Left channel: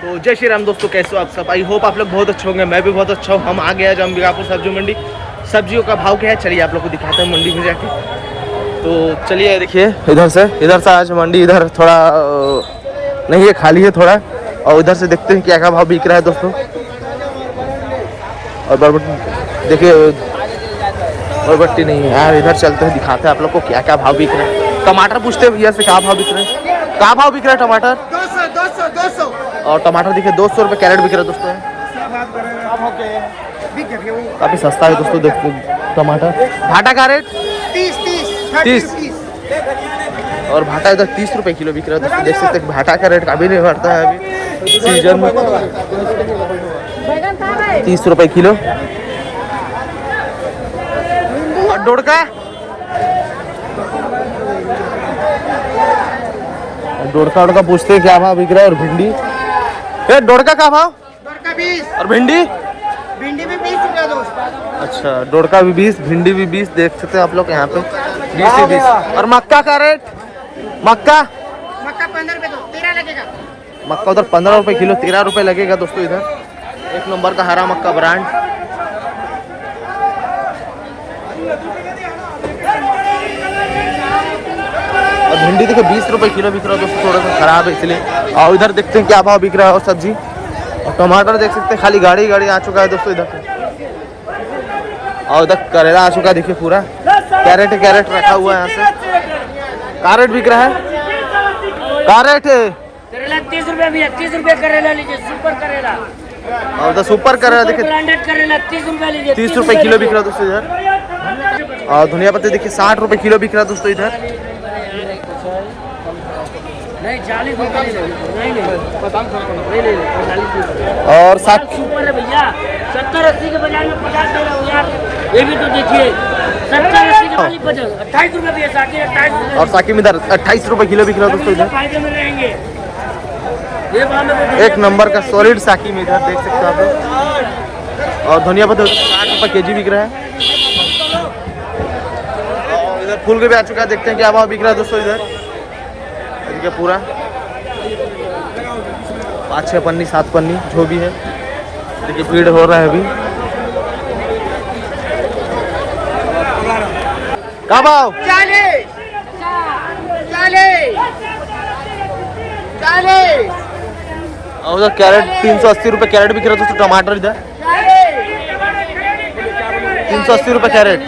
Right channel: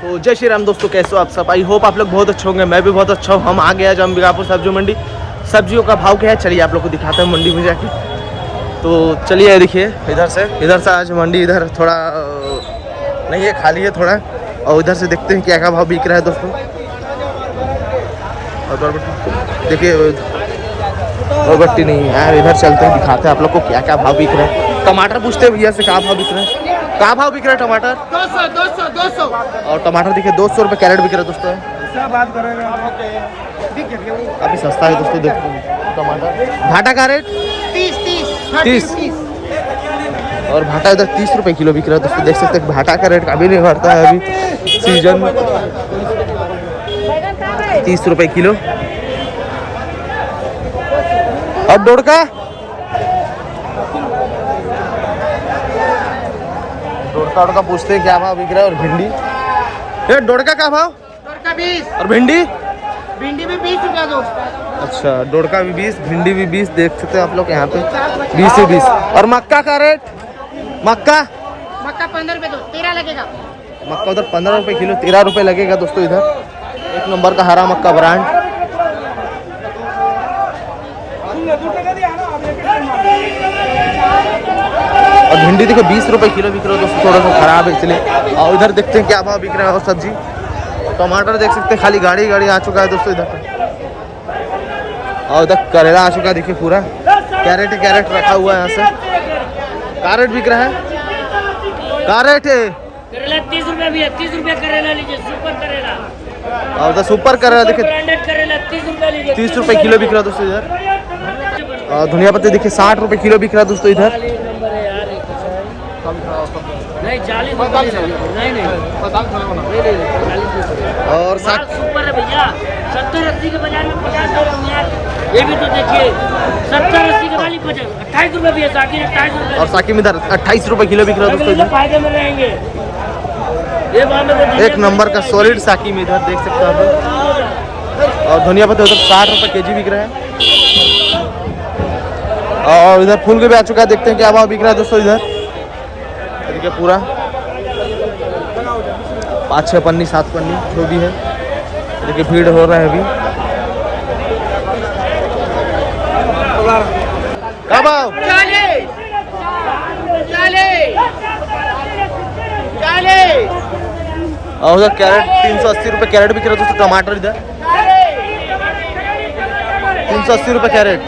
तो जय श्री राम दोस्तों, कैसे हो आप सब। आई होप आप लोग बहुत अच्छे होंगे, मैं भी बहुत अच्छा हूँ। हम आ गए आज अंबिकापुर सब्जी मंडी। सब्जियों का भाव क्या है चलिए आप लोग को दिखाते हैं मंडी में जाके। तो चलिए देखिए इधर से आज मंडी इधर थोड़ा नहीं है, खाली है थोड़ा। और इधर से देखते हैं क्या भाव बिक रहा है दोस्तों। और बरबट्टी देखिए, बरबट्टी नहीं है यार। इधर चलते हैं दिखाते हैं आप लोग को क्या भाव बिक रहा है। टमाटर पूछते हैं भैया से क्या भाव बिक रहे हैं। क्या भाव बिक रहा है टमाटर? 200। और टमाटर देखिए 200 रुपये कैरेट बिक रहा है दोस्तों। काफी सस्ता है दोस्तों। देखो टमाटर। भाटा का रेट 30। और भाटा इधर 30 रुपये किलो बिक रहा है दोस्तों। देख सकते हैं भाटा का रेट कभी नहीं बढ़ता है अभी सीजन में। 30 रुपये किलो। और डोड़का पूछते हैं क्या भाव बिक रहा है। और भिंडी, ये डोड़का का भाव? डोड़का 20। और भिंडी? भिंडी भी 20 रुपया दोस्त। अच्छा, डोड़का भी 20, भिंडी भी 20। देख सकते हैं आप लोग यहाँ पे 20 से 20। और मक्का का रेट? मक्का 15 रुपये दो, 13 लगेगा। मक्का उधर 15 रुपये किलो, 13 रुपये लगेगा दोस्तों। इधर एक नंबर का हरा मक्का ब्रांड। और भिंडी देखो 20 रुपये किलो बिक रहा है दोस्तों, थोड़ा सा खराब है इसलिए। और इधर देखते हैं क्या भाव बिक रहा है। और सब्जी टमाटर देख सकते हैं खाली गाड़ी आ चुका है दोस्तों इधर पे। और इधर करेला आ चुका है देखिए पूरा। कैरेट रखा हुआ है यहाँ से। कैरेट बिक रहा है। कैरेट करेला 30 रुपया भी है। 30 रुपया करेला लीजिए, सुपर करेला। और इधर सुपर करेला देखिए ब्रांडेड करेला 30 रुपया लीजिए। 30 रुपये किलो बिक रहा है दोस्तों इधर। और धनिया पत्ती देखिए 60 रुपये किलो बिक रहा है दोस्तों इधर। नहीं 40 नहीं और 60 सुपर है भैया। 70-80 के बाजार में 50 यार। ये भी तो देखिए 70-80 के वाली 28 रुपये भी है। साकी 28 रुपये। और साकी में इधर 28 रुपये किलो बिक रहा है दोस्तों इधर। फायदे में रहेंगे। एक नंबर का सॉलिड साकी में इधर देख सकते हैं आप लोग। और धनिया पत्ता उधर 60 रुपये केजी बिक रहा है। और इधर फूल गोभी आ चुका है, देखते हैं क्या भाव बिक रहा है दोस्तों इधर। देखिए पूरा 5-6 पन्नी 7 पन्नी जो भी है। देखिए भीड़ हो रहा है अभी। क्या भाव? 40। और उधर कैरेट 380 रुपये कैरेट बिक रहा है दोस्तों। टमाटर इधर 380 रुपये कैरेट।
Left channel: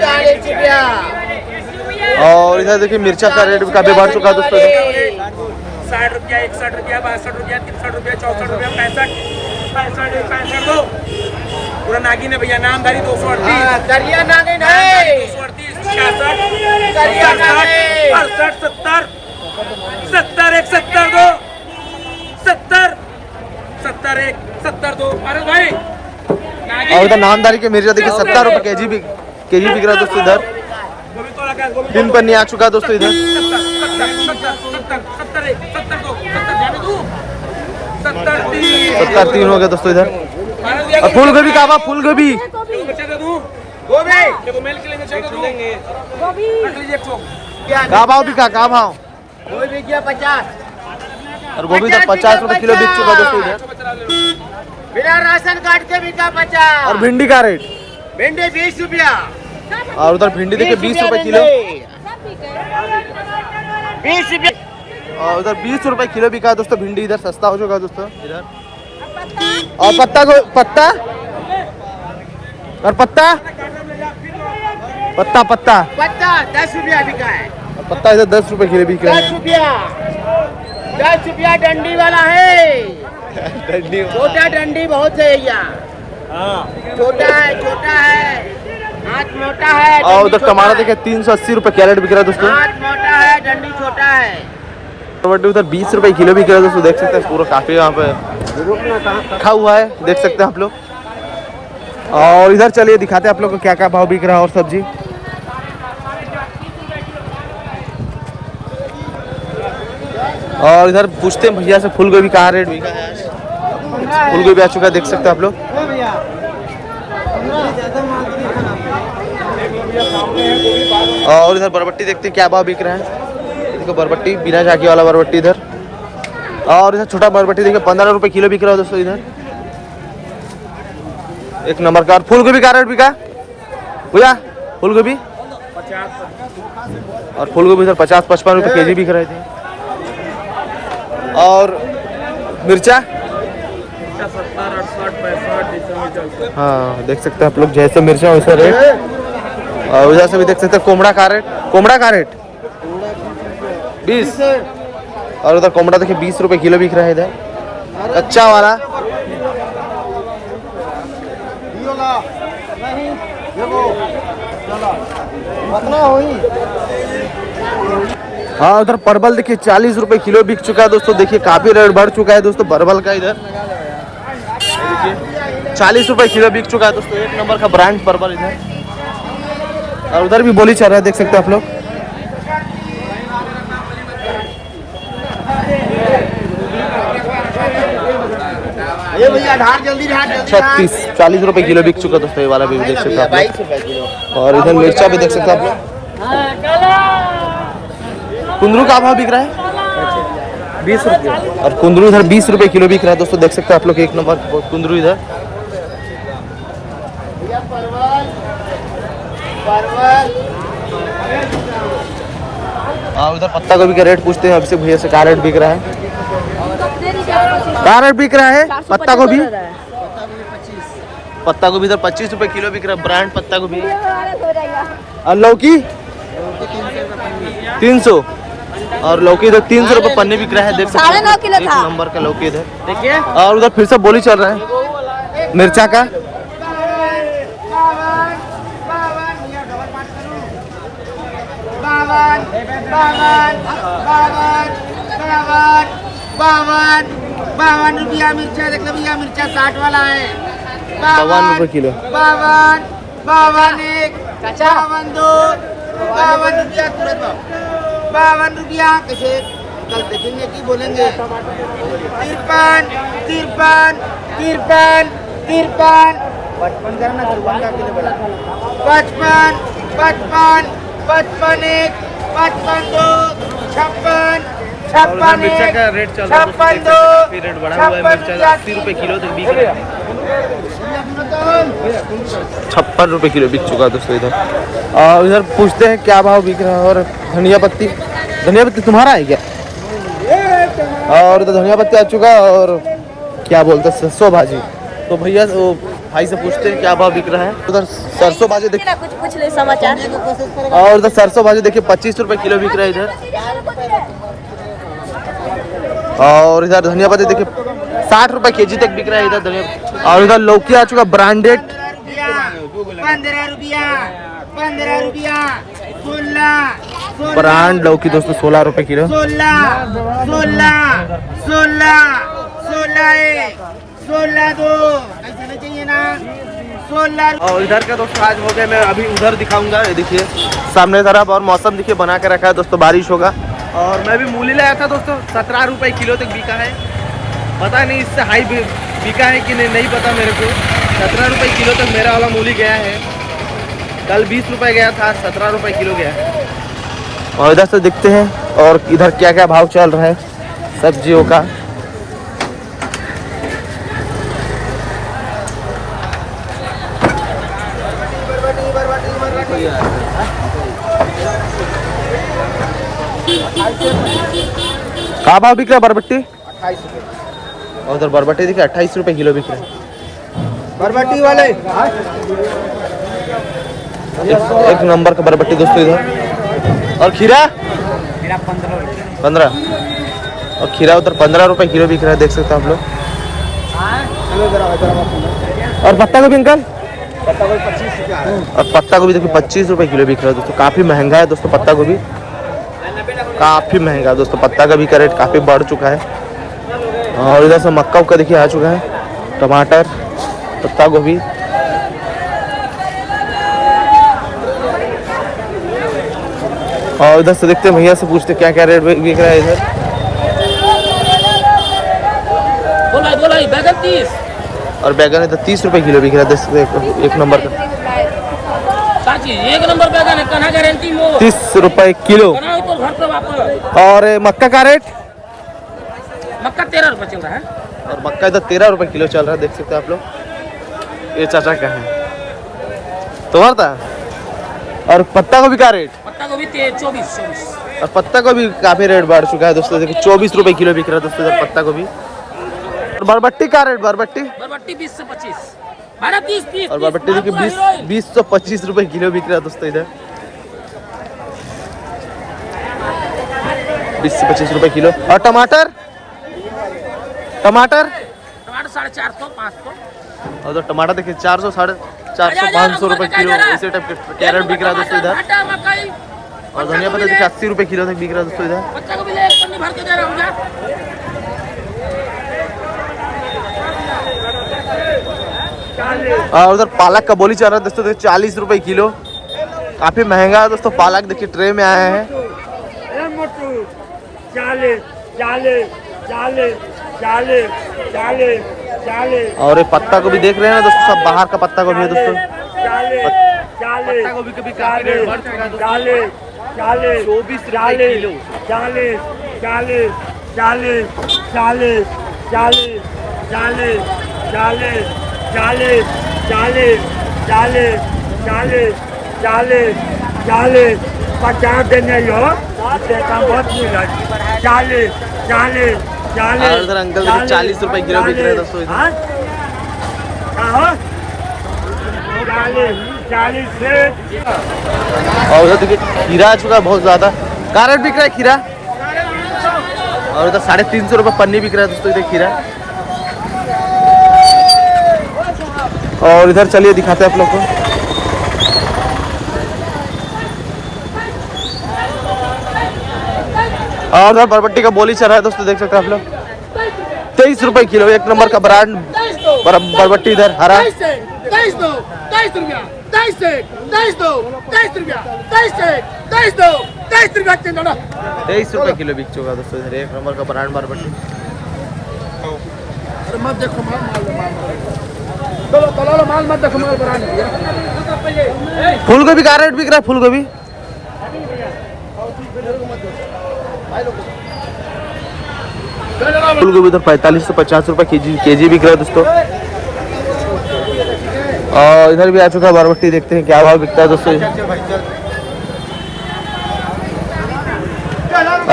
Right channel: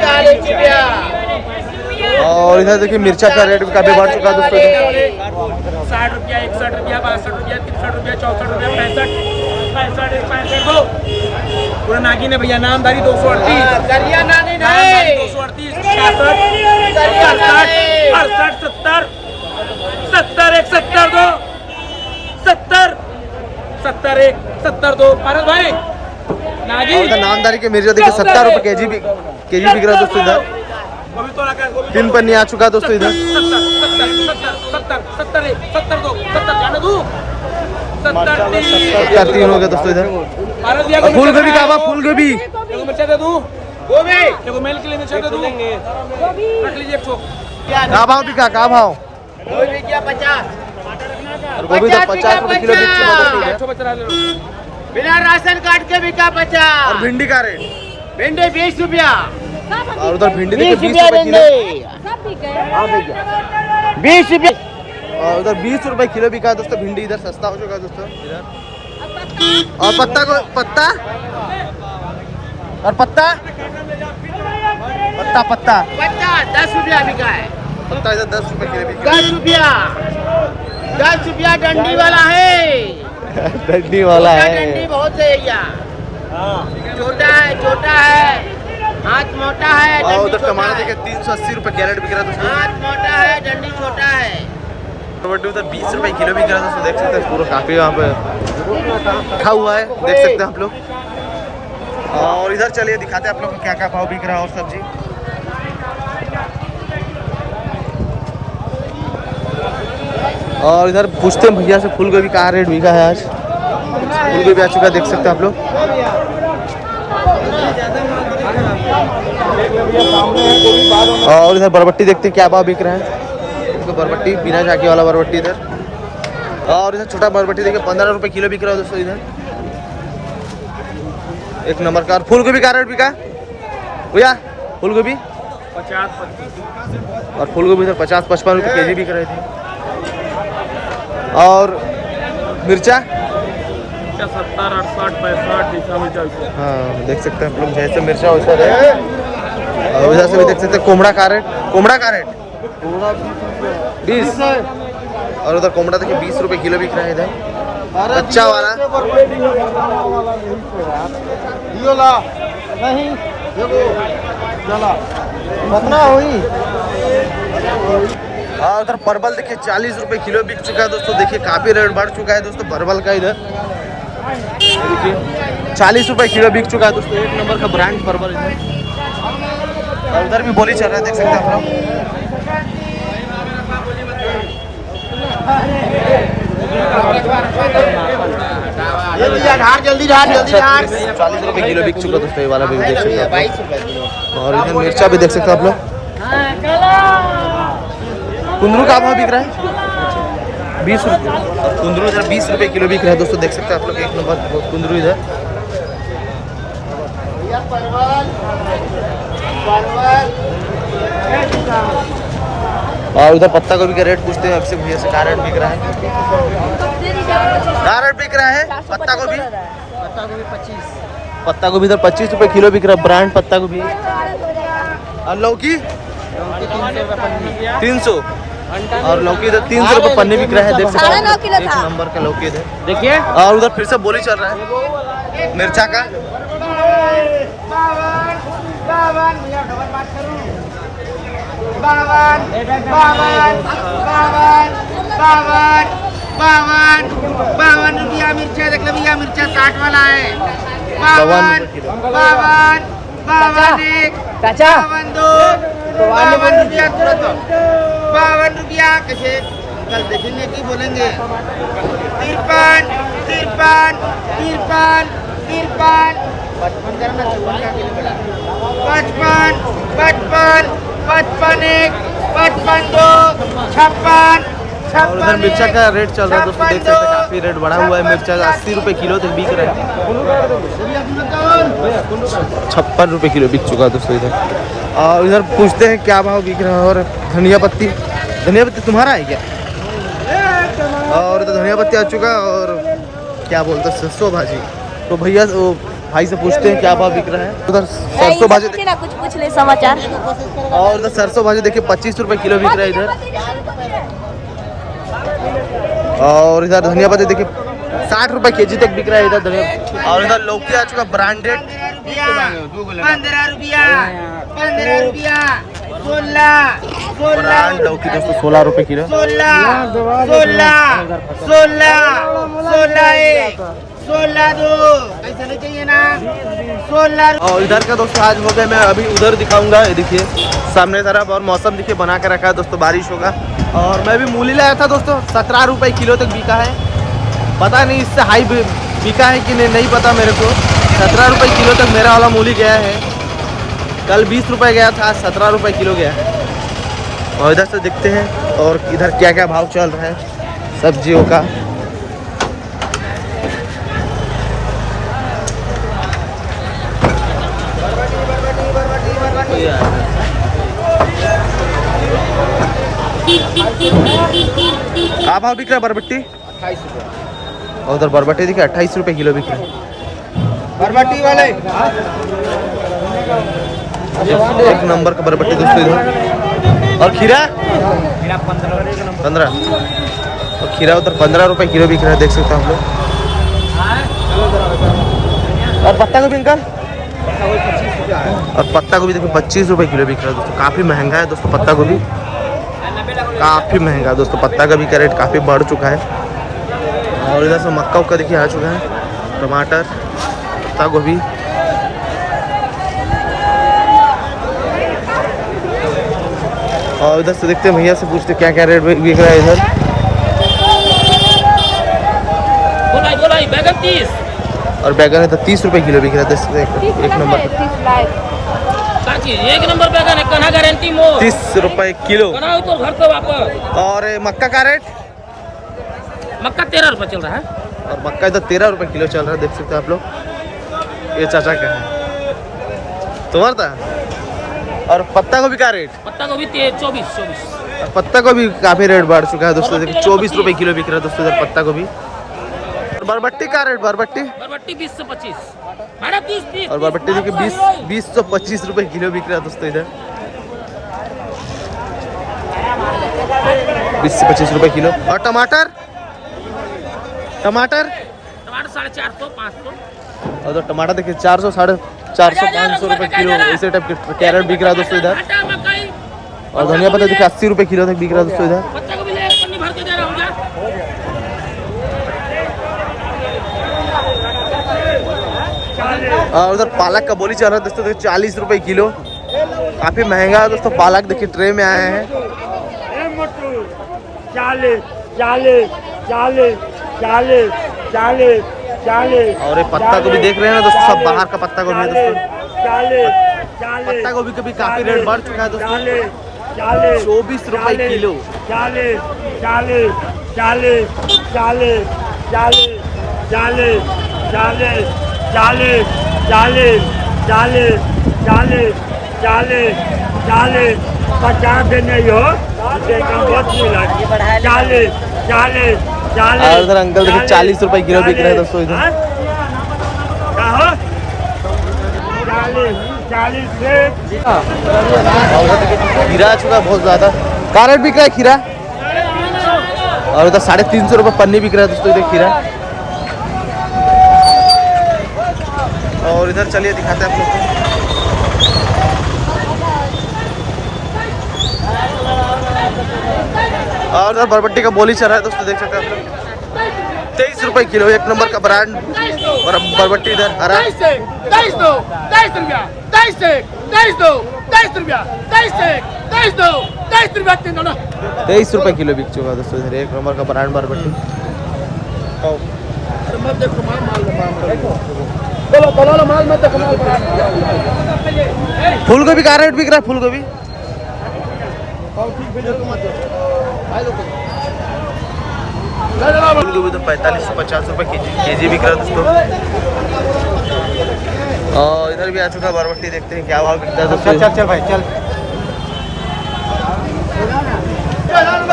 40 रुपया। और इधर देखिए मिर्चा का रेट काफी बढ़ चुका है दोस्तों इधर। 60 रुपया, 61 रुपया, 62 रुपया, 63 रुपया, 64 रुपया, 65 दो। पूरा नागिन है भैया। नामदारी 238, नामदारी 238, 66, 67, 68, 70, 70 1 70 दो, 70 70 1 70 दो। भारत भाई और इधर नामदारी के मिर्चा देखिए 70 रुपये केजी बिक रहा है दोस्तों इधर। 3 पन्नी आ चुका है दोस्तों इधर। 70 हो गया दोस्तों इधर। और फूल गोभी का भाव? फूल गोभी का भाव बिका? का भाव? 50। और गोभी इधर 50 रुपये किलो बिक चुका है दोस्तों इधर। बिना राशन कार्ड के बिका 50। और भिंडी का रेट? भिंडी 20 रुपया। और उधर भिंडी देखिए 20 रुपये किलो। 20 रुपया। और उधर 20 रुपये किलो बिका है दोस्तों भिंडी। इधर सस्ता हो चुका है दोस्तों इधर। और पत्ता और पत्ता 10 रुपया बिका है। पत्ता इधर 10 रुपये किलो बिका है। 10 रुपया डंडी वाला है। डंडी वाला है। डंडी बहुत है भैया। छोटा है, हाथ मोटा है। और उधर टमाटर देखिए 380 रुपये कैरेट बिक रहा है दोस्तों। हाथ मोटा है, डंडी छोटा है। टमाटर उधर 20 रुपये किलो बिक रहा है दोस्तों। देख सकते हैं पूरा काफी यहाँ पे रखा हुआ है, देख सकते हैं आप लोग। और इधर चलिए दिखाते हैं आप लोग को क्या भाव बिक रहा है। और सब्जी और इधर पूछते हैं भैया से फूल गोभी का रेट बिका है आज। फूल गोभी आ चुका है, देख सकते हैं आप लोग। और इधर बरबट्टी देखते हैं क्या भाव बिक रहा है। देखो बरबट्टी बिना झाकी वाला बरबट्टी इधर और इधर छोटा बरबटी देखिए 15 रुपए किलो बिक रहा है दोस्तों इधर। एक नंबर का। और फूल गोभी का रेट बिका भैया? फूल गोभी 50 और फूल गोभी इधर 50-55 रुपए केजी बिक रहे थे। और मिर्चा 70, 68, 65 जैसा में चलता है। हाँ देख सकते हैं आप लोग, जैसे मिर्चा वैसा रेट। और उधर से भी देख सकते हैं कोमड़ा का रेट 20। और उधर कोमड़ा देखिए 20 रुपए किलो बिक रहा है इधर कच्चा वाला। हाँ उधर परवल देखिए 40 रुपए किलो बिक चुका है दोस्तों। देखिए काफी रेट बढ़ चुका है दोस्तों परवल का इधर। देखिए 40 रुपए किलो बिक चुका है दोस्तों। एक नंबर का ब्रांड परवल इधर। और उधर भी बोली चल रहा है, देख सकते हैं आप लोग। ये भैया ढार जल्दी 40 रुपए किलो बिक चुका दोस्तों ये वाला भी देख सकते हैं आप लोग। और इधर मिर्चा भी देख सकते हैं आप लोग। कुंदरू का भाव बिक रहा है 20 रुपये। और कुंदरू इधर 20 रुपए किलो बिक रहा है दोस्तों। देख सकते हैं आप लोग एक नंबर कुंदरू इधर। और उधर पत्ता गोभी का रेट पूछते हैं आपसे भैया से, क्या रेट बिक रहा है? क्या रेट बिक रहा है पत्ता गोभी? पत्ता गोभी इधर 25 रुपए किलो बिक रहा है, ब्रांड पत्ता गोभी। और लौकी 300। और लौकी इधर 300 रुपए पन्नी बिक रहा है, देख सकते हैं एक नंबर का लौकी इधर देखिए। और उधर फिर से बोली चल रहा है मिर्चा का 52 रुपया मिर्चा। देख लो भैया मिर्चा 60 वाला है 52 रुपए किलो। 52, 52, 52 रुपया तुरंत 52 रुपया। कैसे कल देखेंगे कि बोलेंगे 53, 53, 53, 53, 55, 55, 55, 55, 2, 56, और उधर मिर्चा का रेट चल रहा है दोस्तों। देख सकते हैं काफी रेट बढ़ा हुआ है मिर्चा का। 80 रुपए किलो तक बिक रहा है। 56 रुपए किलो बिक चुका है दोस्तों इधर। और इधर पूछते हैं क्या भाव बिक रहा है। और धनिया पत्ती तुम्हारा है क्या? और इधर धनिया पत्ती आ चुका है। और क्या बोलते हैं सरसों भाजी। तो भैया वो भाई से पूछते हैं क्या भाव बिक रहा है। उधर सरसों भाजी देखिए, कुछ पूछ ले समाचार। और उधर सरसों भाजी देखिए 25 रुपए किलो बिक रहा है इधर। और इधर धनिया पत्ती देखिए 60 रुपए केजी तक बिक रहा है इधर धनिया। और उधर लौकी आ चुका ब्रांडेड 15 रुपया 16 ब्रांड लौकी दोस्तों 16 रुपए किलो। 16 2 ऐसा नहीं चाहिए ना 16। और इधर का दोस्तों आज हो गए, मैं अभी उधर दिखाऊंगा। ये देखिए सामने तरफ। और मौसम देखिए बना के रखा है दोस्तों, बारिश होगा। और मैं भी मूली लाया था दोस्तों, 17 रुपए किलो तक बिका है। पता नहीं इससे हाई बिका है कि नहीं पता मेरे को। 17 रुपए किलो तक मेरा वाला मूली गया है। कल 20 रुपए गया था, आज 17 रुपए किलो गया है। और इधर से देखते हैं और इधर क्या क्या भाव चल रहा है सब्जियों का। क्या भाव बिक रहा है बरबट्टी? 28 रुपया। और उधर बरबट्टी देखिए 28 रुपए किलो बिक रहा है बरबट्टी वाले एक नंबर का बरबट्टी दोस्तों इधर। और खीरा 15। और खीरा उधर 15 रुपए किलो बिक रहा है, देख सकते हैं आप लोग। और पत्ता गोभी अंकल? पत्ता गोभी 25 रुपया है। और पत्ता गोभी देखिए 25 रुपए किलो बिक रहा है दोस्तों। काफ़ी महंगा है दोस्तों पत्ता गोभी, काफ़ी महंगा है दोस्तों। पत्ता गोभी का रेट काफ़ी बढ़ चुका है। और इधर से मक्का उक्का देखिए आ चुका है, टमाटर, पत्ता गोभी। और इधर से देखते हैं भैया से पूछते क्या क्या रेट बिक रहा है इधर। बोला बैगन 30। और बैगन इधर 30 रुपए किलो बिक रहा है, एक नंबर का। एक नंबर बैगन है, कहाँ गारंटी मो 30 रुपए किलो। तो घर से वापस। और मक्का का रेट मक्का 13 रुपए चल रहा है। और मक्का इधर 13 रुपए किलो चल रहा है, देख सकते हैं आप लोग। ये चाचा का है तुम्हारा था। और पत्ता गोभी का रेट? पत्ता गोभी 24। और पत्ता गोभी काफी रेट बढ़ चुका है दोस्तों, देखिए 24 रुपए किलो बिक रहा है दोस्तों इधर पत्ता गोभी। और बरबट्टी का रेट? बरबट्टी 20 से 25, 30। और बरबट्टी देखिए 20 से 25 रुपए किलो बिक रहा है दोस्तों इधर। 20 से 25 रुपए किलो। और टमाटर? टमाटर 450, 500। और तो टमाटर देखिए 400, 450, 500 रुपए किलो इसी टाइप के कैरेट बिक रहा है दोस्तों इधर। और धनिया पत्ता देखिए 80 रुपए किलो तक बिक रहा है दोस्तों इधर। बच्चा को भी ले, एक पन्नी भर के दे रहा हूँ जा। और उधर पालक का बोली चल रहा है दोस्तों, देखिए 40 रुपए किलो, काफी महंगा है दोस्तों पालक। देखिए ट्रे में आए हैं। 40। और ये पत्ता गोभी देख रहे हैं ना दोस्तों, सब बाहर का पत्ता गोभी है दोस्तों। पत्ता गोभी का भी काफी रेट बढ़ चुका है दोस्तों, 24 रुपए किलो। 50 देने हो, इससे कम बहुत मिला। 40। और इधर अंकल देखिए 40 रुपए किलो बिक रहे हैं दोस्तों इधर। 40 से। और उधर देखिए खीरा आ चुका है बहुत ज्यादा। क्या रेट बिक रहा है खीरा? और उधर 350 रुपए पन्नी बिक रहा है दोस्तों इधर खीरा। और इधर चलिए दिखाते हैं आप लोग को। और उधर बरबट्टी का बोली चल रहा है दोस्तों, देख सकते हैं आप लोग। 23 रुपए किलो, एक नंबर का ब्रांड बरबट्टी इधर हरा। 23 रुपए किलो बिक चुका है दोस्तों इधर, एक नंबर का ब्रांड बरबट्टी। फूल गोभी का रेट बिक रहा है? फूल गोभी इधर 45 से 50 रुपए केजी बिक रहा है दोस्तों। और इधर भी आ चुका है बरबट्टी, देखते हैं क्या भाव बिकता है दोस्तों।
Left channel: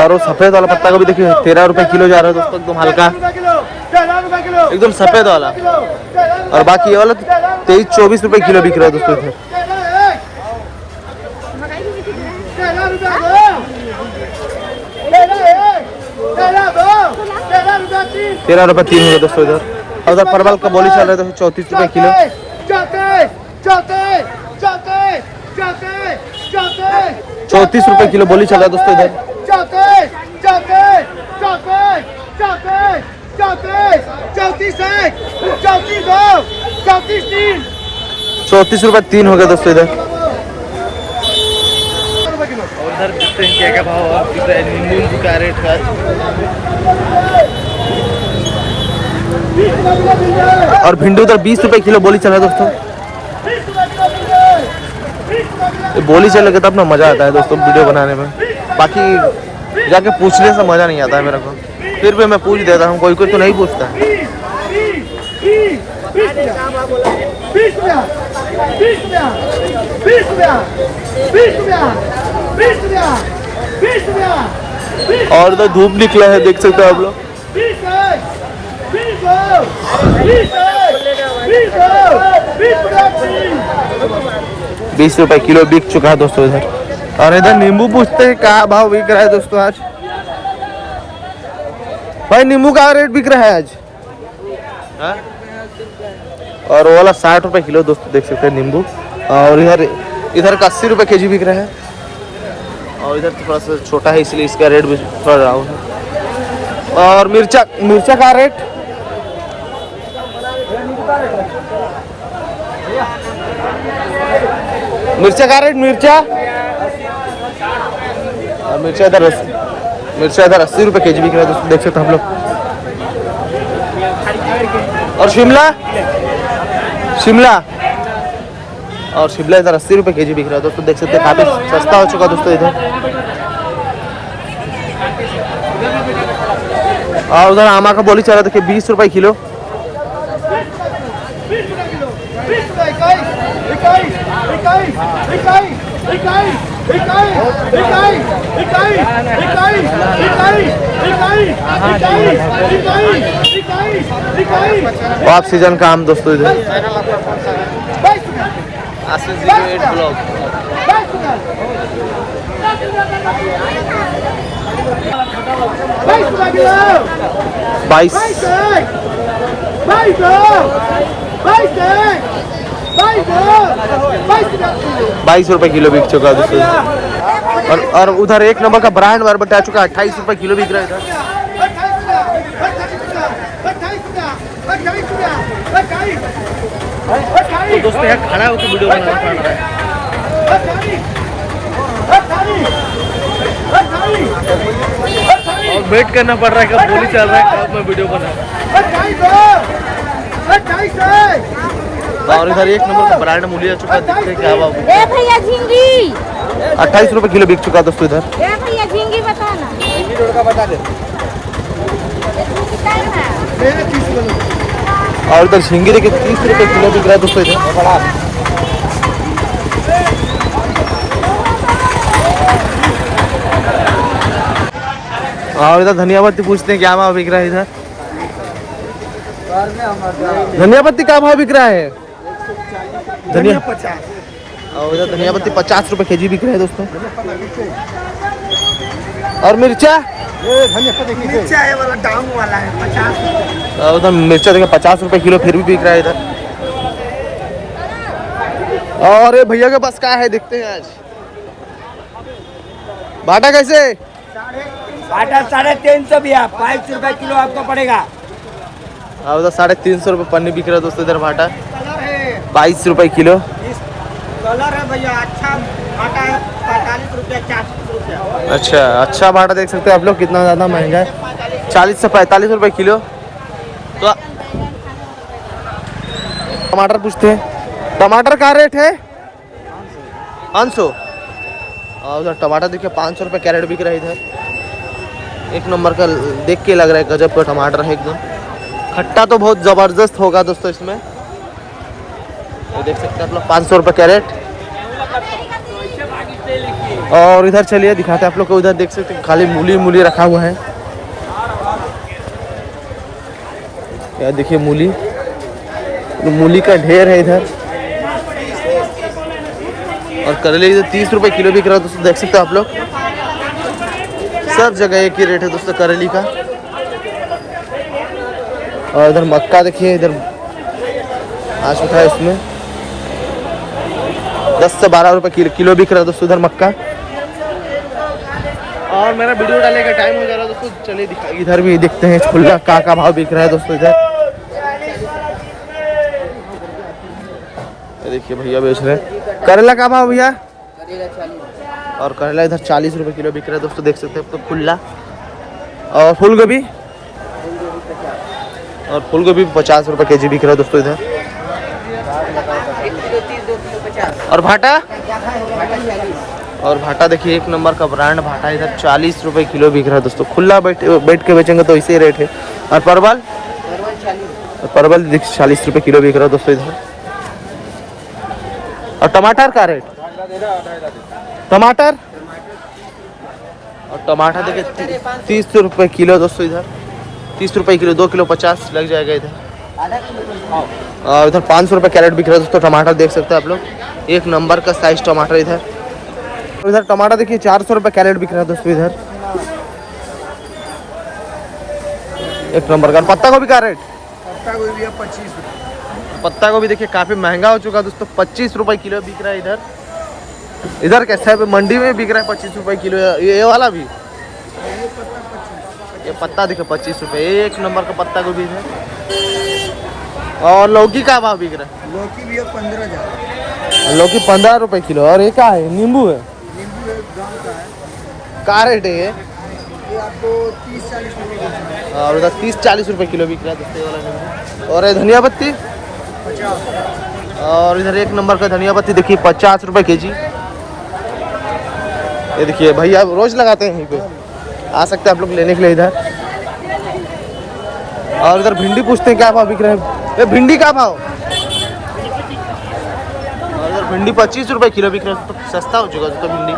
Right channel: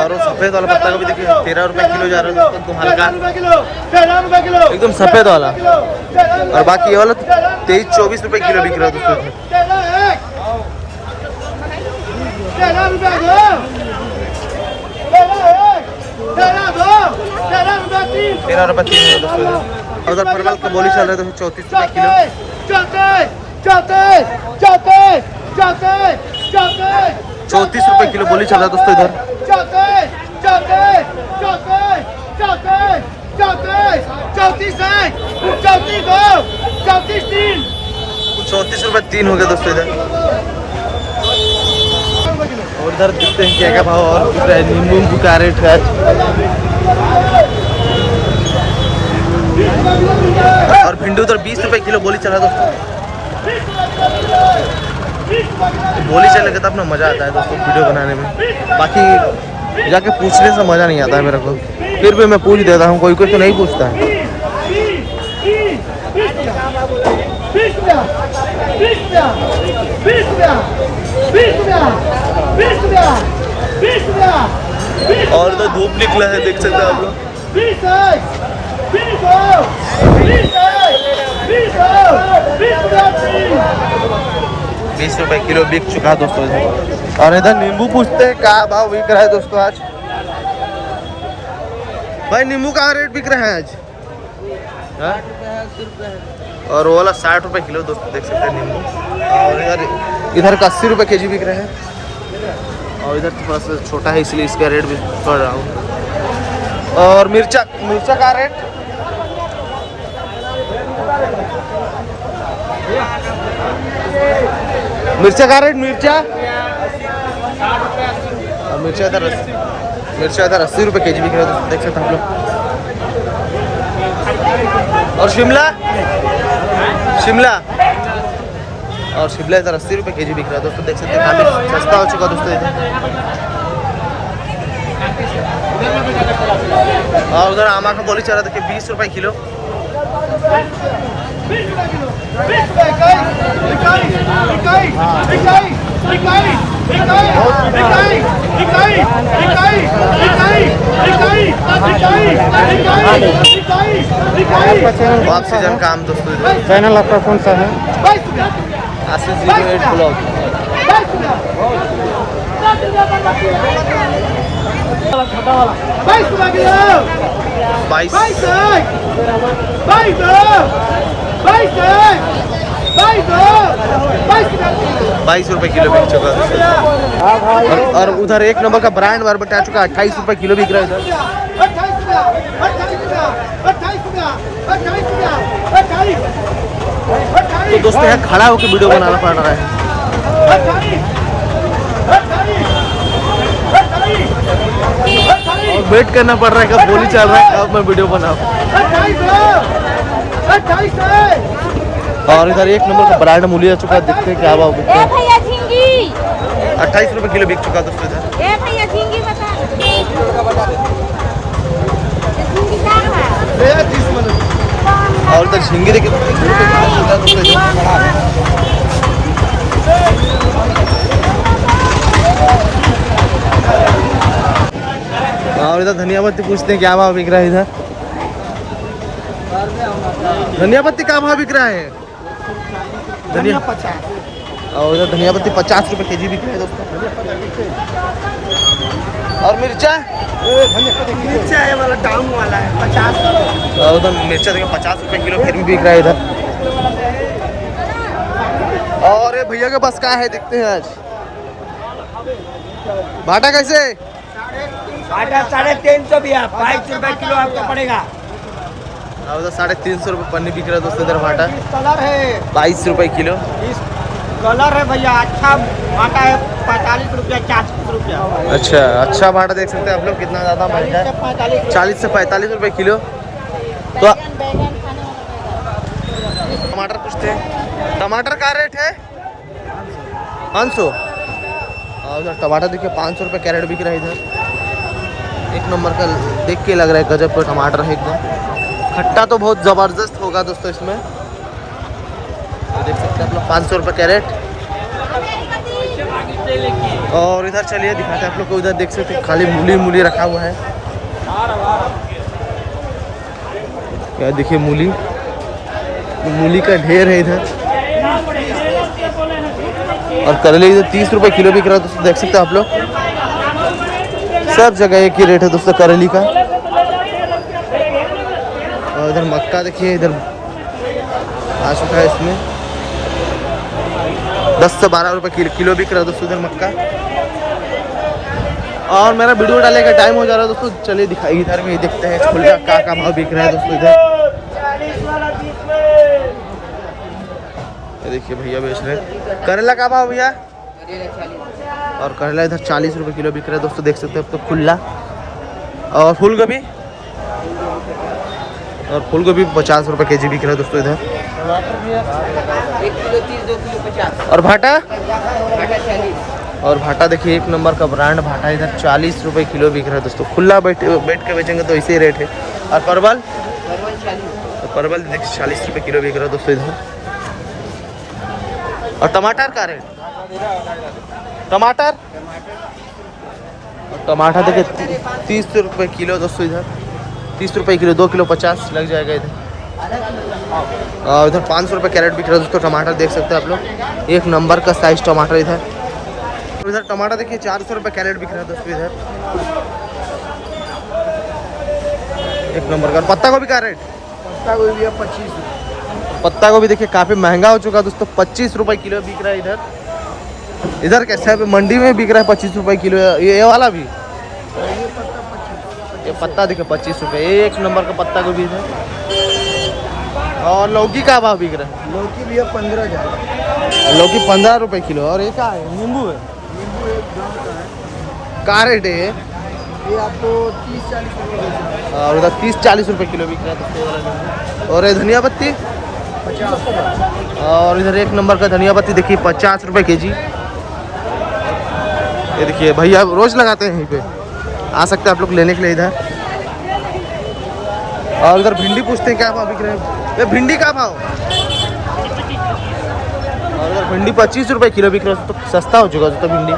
और वो सफेद वाला पत्ता गोभी देखिए 13 रुपए किलो जा रहा है दोस्तों, एकदम हल्का, एकदम सफेद वाला। और बाकी ये वाला 23-24 रुपए किलो बिक रहा है दोस्तों इधर। 13 रुपए 3 है दोस्तों इधर। और उधर परवल का बोली चल रहा है दोस्तों 34 रुपए किलो। 34 रुपए किलो बोली चल रहा है दोस्तों इधर। 34 रुपए 3 हो गया दोस्तों इधर। और इधर देखते हैं क्या क्या भाव और बिक रहा है। नींबू का रेट है और भिंडी उधर 20 रुपए किलो बोली चल रहा है दोस्तों। बोली चल तब ना मजा आता है दोस्तों वीडियो बनाने में, बाकी जाके पूछने से मजा नहीं आता है मेरे को। फिर भी मैं पूछ देता हूँ, कोई कोई तो नहीं पूछता है। 20 और इधर धूप निकला है, देख सकते हैं आप लोग। 20 रुपए किलो बिक चुका है दोस्तों। और इधर नींबू पूछते हैं क्या भाव बिक रहा है दोस्तों आज। भाई नींबू का रेट बिक रहा है आज? हाँ? और वो वाला 60 रुपए किलो दोस्तों, देख सकते हैं नींबू। और इधर का 80 रुपए केजी बिक रहा है। और इधर थोड़ा सा छोटा है इसलिए इसका रेट भी थोड़ा डाउन है। और मिर्चा का रेट? मिर्चा का रेट? मिर्चा और मिर्चा इधर 80 रुपए केजी बिक रहा है दोस्तों, देख सकते हैं हम लोग। और शिमला इधर 80 रुपए केजी बिक रहा है दोस्तों, देख सकते हैं। काफी सस्ता हो चुका दोस्तों इधर। और उधर आमा का बोली चल रहा देखिए 20 रुपए किलो। ऑफ सीजन का आम दोस्तों चैनल आपका कौन सा है? आशीष 08 ब्लॉग। 22 रुपए किलो बिक चुका है दोस्तों। और उधर एक नंबर का ब्रांड बरबट्टा आ चुका है 28 रुपए किलो बिक रहा है इधर। तो दोस्तों यहाँ खड़ा होकर वीडियो बनाना पड़ रहा है। और वेट करना पड़ रहा है कब बोली चल रहा है कब मैं वीडियो बनाऊं। और इधर एक नंबर का ब्रांड मूली आ चुका है, देखते हैं क्या भाव बिकता है। 28 रुपए किलो बिक चुका है दोस्तों इधर। और इधर झींगी देखिए 30 रुपए किलो बिक रहा है दोस्तों इधर। और इधर धनिया पत्ती पूछते हैं क्या भाव बिक रहा है इधर। धनिया पत्ती क्या भाव बिक रहा है? धनिया 50। और इधर धनिया पत्ती 50 रुपए केजी बिक रहा है दोस्तों। और मिर्चा ये वाला डाउन वाला है 50। और उधर मिर्चा देखिए 50 रुपए किलो फिर भी बिक रहा है इधर। और ये भैया के पास क्या है देखते हैं आज। भाटा कैसे? 350 भैया, 22 रुपए किलो आपको पड़ेगा। और उधर 350 रुपए पन्नी बिक रहा है दोस्तों इधर भाटा। कलर है 22 रुपए किलो। कलर है भैया, अच्छा भाटा है 45 रुपया 40 रुपया। अच्छा भाटा देख सकते हैं आप लोग कितना ज़्यादा महंगा है। 40 से 45 रुपए किलो। तो टमाटर पूछते हैं, टमाटर का रेट है 500। और उधर टमाटर देखिए 500 रुपये कैरेट बिक रहा है इधर। एक नंबर का देख के लग रहा है गजब का टमाटर है एकदम। खट्टा तो बहुत ज़बरदस्त होगा दोस्तों इसमें। ये देख सकते हैं आप लोग 500 रुपये कैरेट। और इधर चलिए दिखाते हैं आप लोग को। उधर देख सकते हैं खाली मूली रखा हुआ है। क्या देखिए मूली का ढेर है इधर। और करेले इधर 30 रुपए किलो बिक रहा है दोस्तों, देख सकते हैं आप लोग। सब जगह एक ही रेट है दोस्तों करेली का। और इधर मक्का देखिए इधर आ चुका है, इसमें 10 से 12 रुपए किलो बिक रहा है दोस्तों इधर मक्का। और मेरा वीडियो डालने का टाइम हो जा रहा है दोस्तों, चलिए दिखाइए इधर भी देखते हैं खुला का भाव बिक रहा है दोस्तों इधर। देखिए भैया बेच रहे हैं। करेला का भाव भैया? और करेला इधर 40 रुपए किलो बिक रहा है दोस्तों, देख सकते हैं अब तो खुला। और फूल गोभी 50 रुपए केजी बिक रहा है दोस्तों इधर। और भाटा? और भाटा देखिए एक नंबर का ब्रांड भाटा इधर 40 रुपए किलो बिक रहा है दोस्तों। खुला बैठ के बेचेंगे तो इसी रेट है। और परवल देखिए 40 रुपए किलो बिक रहा है दोस्तों इधर। और टमाटर का रेट? टमाटर देखिए 30 रुपए किलो दोस्तों इधर। 30 रुपए किलो, 2 किलो 50 लग जाएगा इधर। और इधर 500 रुपए कैरेट बिक रहा है दोस्तों टमाटर, देख सकते हैं आप लोग। एक नंबर का साइज टमाटर इधर। इधर टमाटर देखिए 400 रुपए कैरेट बिक रहा है दोस्तों इधर। एक नंबर का। पत्ता गोभी का रेट? पत्ता गोभी भैया 25 रुपये। पत्ता गोभी देखिए काफी महंगा हो चुका है दोस्तों, 25 रुपए किलो बिक रहा है इधर। इधर कैसा है मंडी में बिक रहा है 25 रुपए किलो। ये वाला भी? ये पत्ता 25। ये पत्ता देखिए 25 रुपए। ये एक नंबर का पत्ता गोभी है। और लौकी का भाव बिक रहा है? लौकी भैया 15,000। लौकी 15 रुपए किलो। और ये क्या है? नींबू है? नींबू एक गाँव का है। क्या रेट है ये? ये आपको 30-40 रुपये बेच रहा हूँ। और उधर 30-40 रुपए किलो बिक रहा है दोस्तों ये वाला नींबू। और ये धनिया पत्ती? 50। और इधर एक नंबर का धनिया पत्ती देखिए 50 रुपए केजी। ये देखिए भैया रोज लगाते हैं यहीं पे, आ सकते हैं आप लोग लेने के लिए इधर। और इधर भिंडी पूछते हैं क्या भाव बिक रहे हैं। ये भिंडी का भाव? और इधर भिंडी 25 रुपए किलो बिक रहा है, तो सस्ता हो चुका है तो भिंडी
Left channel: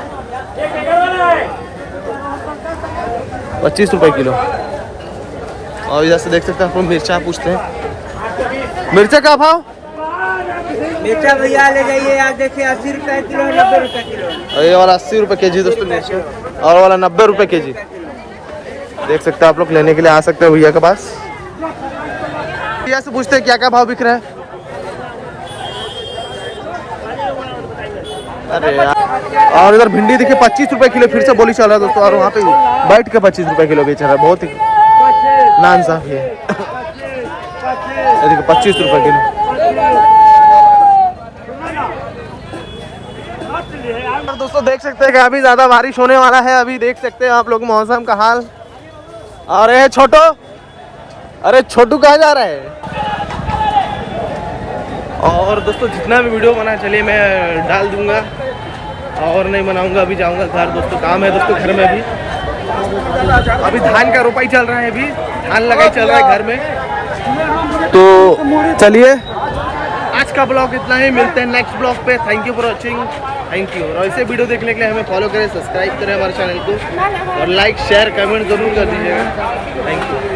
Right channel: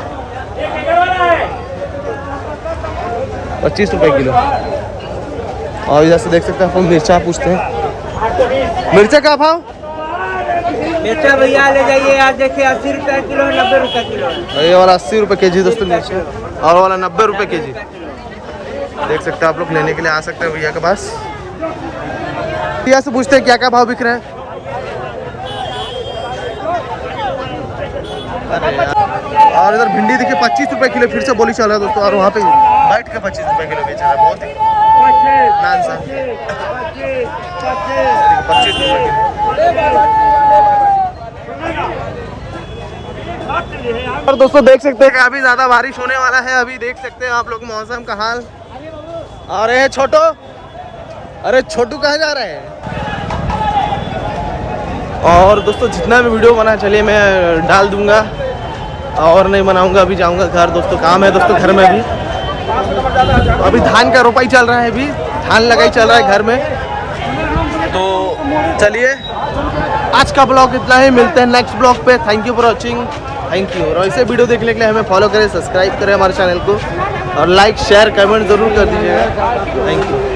25 रुपए किलो। और इधर से देख सकते हैं आपको मिर्चा पूछते हैं, मिर्चा का भाव? मिर्चा भैया ले जाइए, आज देखिए 80 रुपए किलो है, 90 रुपए किलो है। ये वाला 80 रुपए केजी दोस्तों मिर्चा, और वाला 90 रुपए केजी। देख सकते हैं आप लोग, लेने के लिए आ सकते हैं भैया के पास। भैया से पूछते हैं क्या क्या भाव बिक रहा है। अरे यार, और इधर भिंडी देखिए 25 रुपए किलो फिर से बोली चल रहा है दोस्तों, और वहाँ पे बैठ के 25 रुपए किलो बेच रहा है, बहुत ही नान सा। देखिए 25 रुपए किलो। और दोस्तों देख सकते हैं काफी ज्यादा बारिश होने वाला है, अभी देख सकते हैं आप लोग मौसम का हाल। और ये छोटू, अरे छोटू कहाँ जा रहा है? और दोस्तों जितना भी वीडियो बना चलिए मैं डाल दूंगा, और नहीं बनाऊंगा, अभी जाऊंगा घर दोस्तों, काम है दोस्तों घर में। अभी धान का रोपाई चल रहा है, अभी धान लगाई चल रहा है घर में। तो चलिए आज का ब्लॉग इतना ही, मिलते हैं नेक्स्ट ब्लॉग पे। Thank you for watching, thank you. और ऐसे वीडियो देखने के लिए हमें फॉलो करें, सब्सक्राइब करें हमारे चैनल को, और लाइक शेयर कमेंट जरूर कर दीजिएगा। Thank you.